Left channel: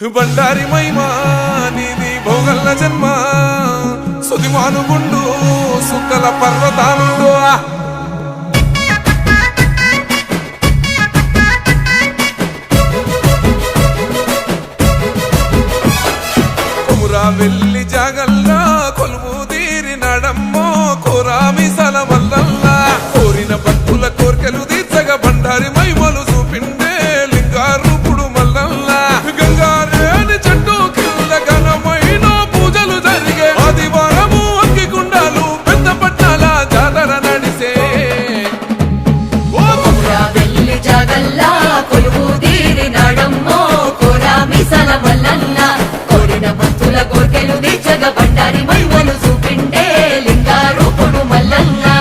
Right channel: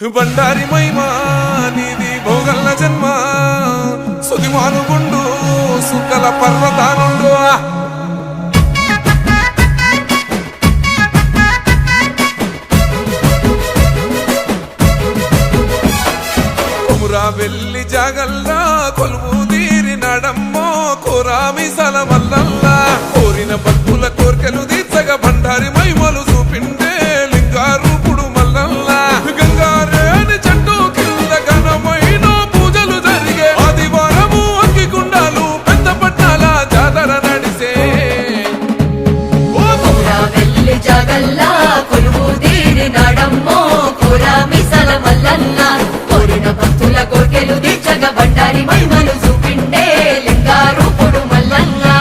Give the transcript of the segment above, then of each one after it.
బండారి మైమా నీది భోగల్ల జన్మ సుదిమానుగుండు సుక్కల పర్వతానుండు కొమురా వెల్లి జాగల్లా కొలువు తీరినాడమ్మో కోరామిసల మల్లల్లా కోరిన భక్తుల కోర్కెలు తీర్చగా బండారి మైమలు చూపిండే లింగారూపుడు మల్లల్లా గంగారేని చెట్టు కింద ఘనమైన పూజలు జరిగే ఆదివారము అగ్గిగుండాలు పెద్ద పట్నాల జాతర నడిసే ఓ కొమురా వెల్లి జాగల్లా కొలువు తీరినాడమ్మో కోరామిసల మల్లల్లా కోరిన భక్తుల కోర్కెలు తీర్చగా బండారి మైమలు చూపిండే లింగారూపుడు మల్లల్లా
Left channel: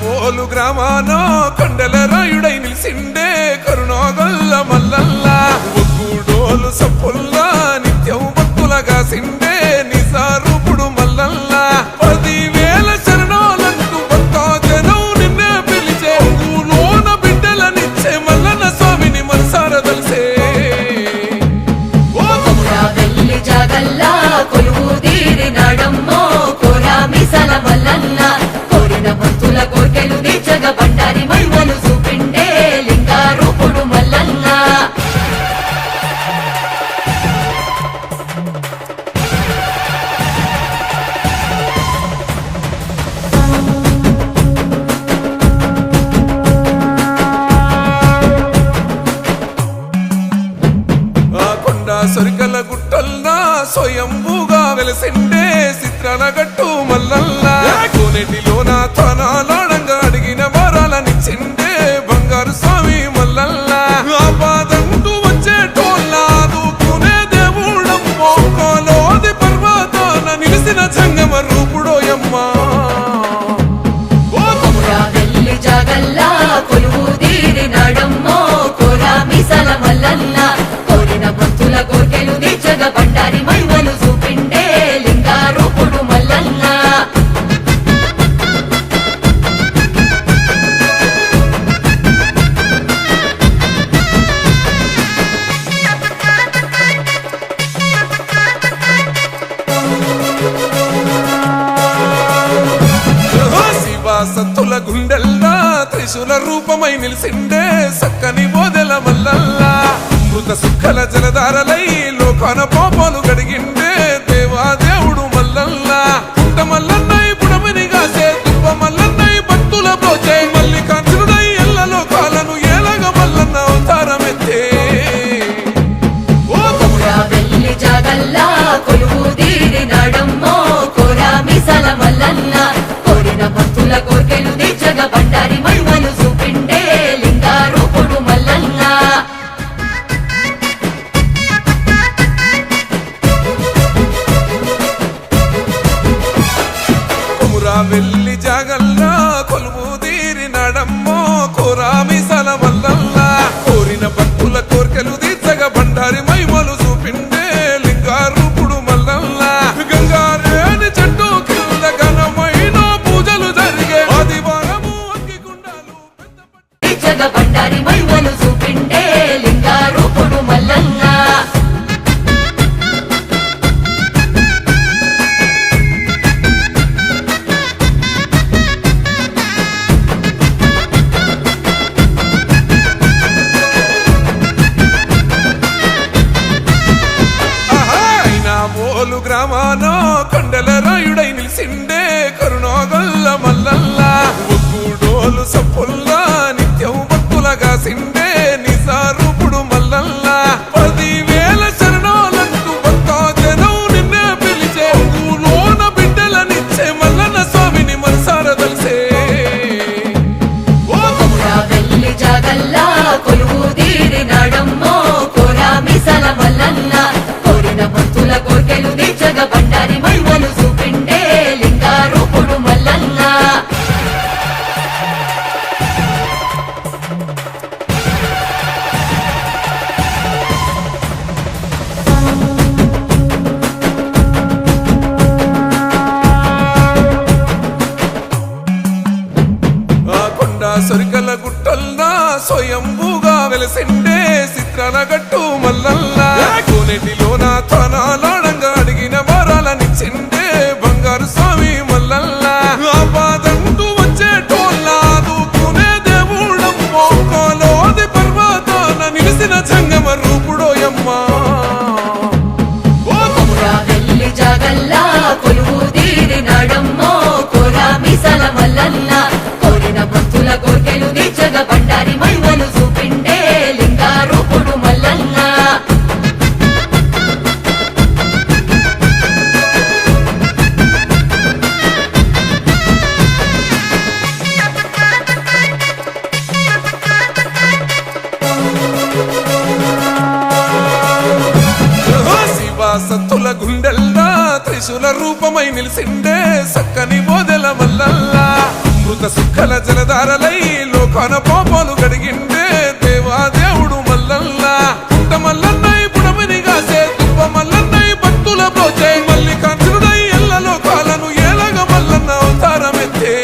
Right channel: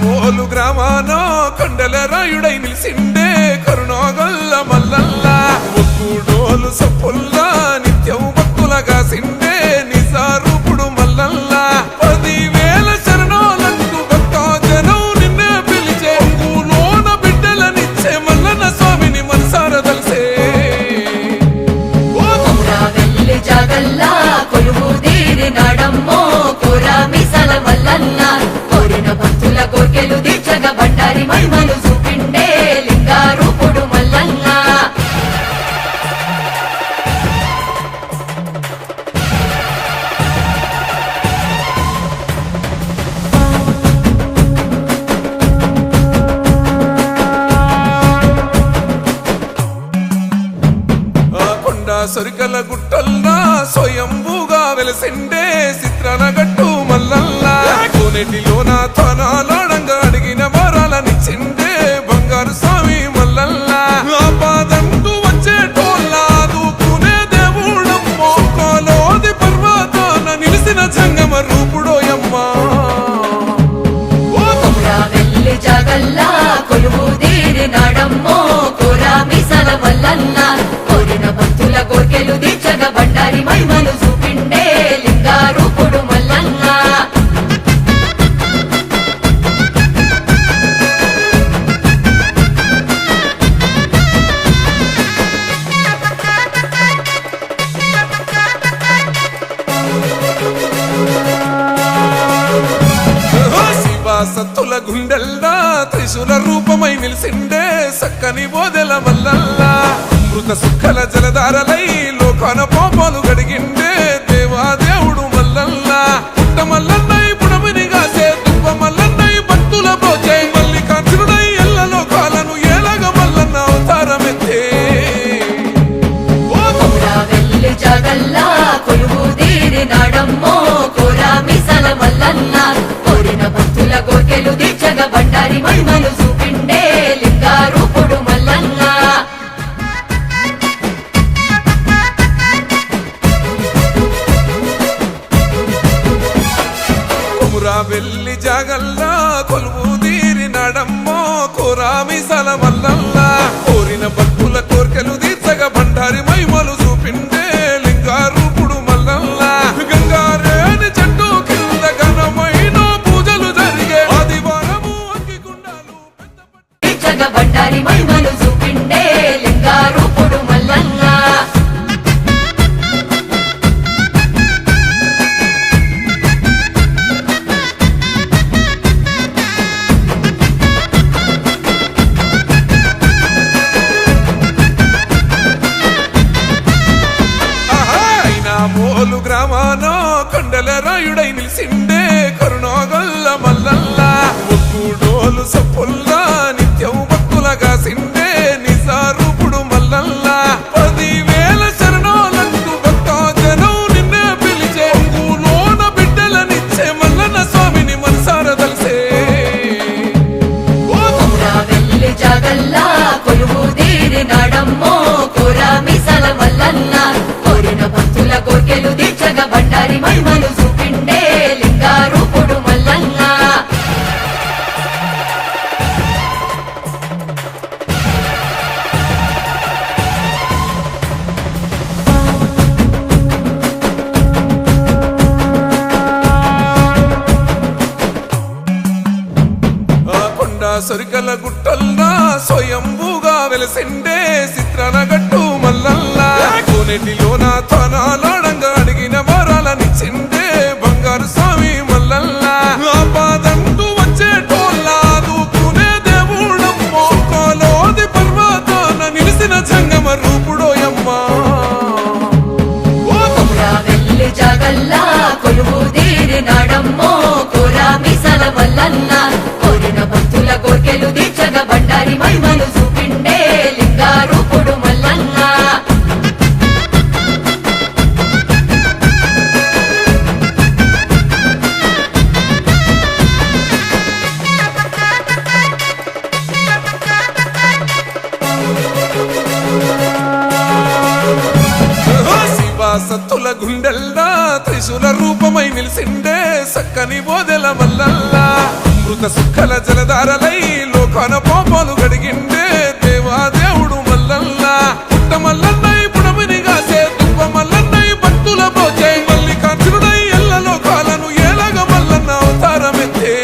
మోలు గ్రామానో కొండల రాయుడై నిలిసిండే కరుణోగల్ల మల్లల్లా ఒక్కూడోలు సప్పుల్లా నిత్యం భక్తులగా సిండే నిజారూపుడు మల్లల్లా 10,000 శరణాలంటూ భక్తజనం నిన్నే పిలిచే అంగులోన బిడ్డలనిచ్చే మల్లన్న స్వామిని మనసార తలిసే ఓ కొమురా వెల్లి జాగల్లా కొలువు తీరినాడమ్మో కోరామిసల మల్లల్లా కోరిన భక్తుల కోర్కెలు తీర్చగా బండారి మైమలు చూపిండే లింగారూపుడు మల్లల్లా కొండ సొరికల గుట్టల్లా స్వయంభూగా వెలసిండే చిత్రాల గట్టు మల్లల్లా కోనేటిలోన తనాలాడంగా అడిగిన వరాలనిచ్చిండే బంగారు స్వామి మల్లల్లా ఆపాదంటూ వచ్చేటోళ్ళ దూకునే దేవుడమ్మో కోలోది పర్వతాన నిలిసిన జంగమ రూపుడోయమ్మా ఓ కొమురా వెల్లి జాగల్లా కొలువు తీరినాడమ్మో కోరామిసల మల్లల్లా కోరిన భక్తుల కోర్కెలు తీర్చగా బండారి మైమలు చూపిండే లింగారూపుడు మల్లల్లా సత్తుల గుండెల్లా త్రిశూల రూపమై నిలిసిండే సక్కని బోదెల మల్లల్లా అమృత సుక్కల జలధారలై లోకాన పాపాలు గడిగిండే దేవాదేవుడు మల్లల్లా పుట్ట మల్లన్నై పుడమిని గాసే దుబ్బ మల్లన్నై భక్తుల బ్రోచే మల్లికార్జునుడై ఎల్ల లోకాలను ఏలగ మల్లన్న అవతారమెత్తే ఓ కొమురా వెల్లి జాగల్లా కొలువు తీరినాడమ్మో కోరామిసల మల్లల్లా కోరిన భక్తుల కోర్కెలు తీర్చగా బండారి మైమలు చూపిండే లింగారూపుడు మల్లల్లా కొమురా వెల్లి జాగల్లా కొలువు తీరినాడమ్మో కోరామిసల మల్లల్లా కోరిన భక్తుల కోర్కెలు తీర్చగా బండారి మైమలు చూపిండే లింగారూపుడు మల్లల్లా గంగారేని చెట్టు కింద ఘనమైన పూజలు జరిగే ఆదివారము అగ్గిగుండాలు పెద్ద తీర్చగా బండారి మైమలు చూపిండే లింగారూపుడు మల్లల్లా మోలు గ్రామానో కొండల రాయుడై నిలిసిండే కరుణోగల్ల మల్లల్లా ఒక్కూడోలు సప్పుల్లా నిత్యం భక్తులగా సిండే నిజారూపుడు మల్లల్లా 10,000 శరణాలంటూ భక్తజనం నిన్నే పిలిచే అంగులోన బిడ్డలనిచ్చే మల్లన్న స్వామిని మనసార తలిసే ఓ కొమురా వెల్లి జాగల్లా కొలువు తీరినాడమ్మో కోరామిసల మల్లల్లా కోరిన భక్తుల కోర్కెలు తీర్చగా బండారి మైమలు చూపిండే లింగారూపుడు మల్లల్లా కొండ సొరికల గుట్టల్లా స్వయంభూగా వెలసిండే చిత్రాల గట్టు మల్లల్లా కోనేటిలోన తనాలాడంగా అడిగిన వరాలనిచ్చిండే బంగారు స్వామి మల్లల్లా ఆపాదంటూ వచ్చేటోళ్ళ దూకునే దేవుడమ్మో కోలోది పర్వతాన నిలిసిన జంగమ రూపుడోయమ్మా భక్తుల కోర్కెలు తీర్చగ బండారి మైమలు చూపిండే లింగారూపుడు మల్లల్లా సత్తుల గుండెల్లా త్రిశూల రూపమై నిలిసిండే సక్కని బోదెల మల్లల్లా అమృత సుక్కల జలధారలై లోకాన పాపాలు గడిగిండే దేవాదేవుడు మల్లల్లా పుట్ట మల్లన్నై పుడమిని గాసే దుబ్బ మల్లన్నై భక్తుల బ్రోచే మల్లికార్జునుడై ఎల్ల లోకాలను ఏలగ మల్లన్న అవతారమెత్తే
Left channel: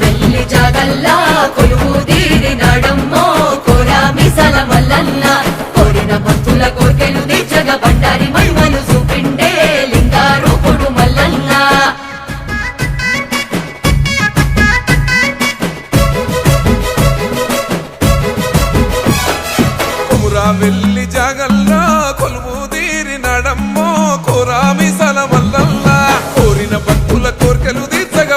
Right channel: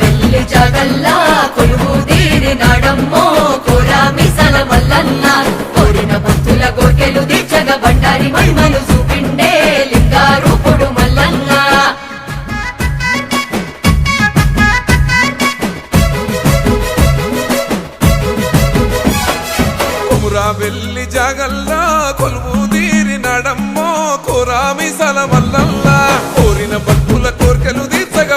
వెళ్ళి జగల్లా కొలువు తీరినాడమ్మో కురామిసల మల్లల్లా కోరిన భక్తుల కోర్కెలు తీర్చగ బండారి మైమలు చూపిండే లింగారూపుడు మల్లల్లా వెళ్ళి జాగల్లా కొలువు తీరినాడమ్మో కోరామిసల మల్లల్లా కోరిన భక్తుల కోర్కెలు తీర్చగా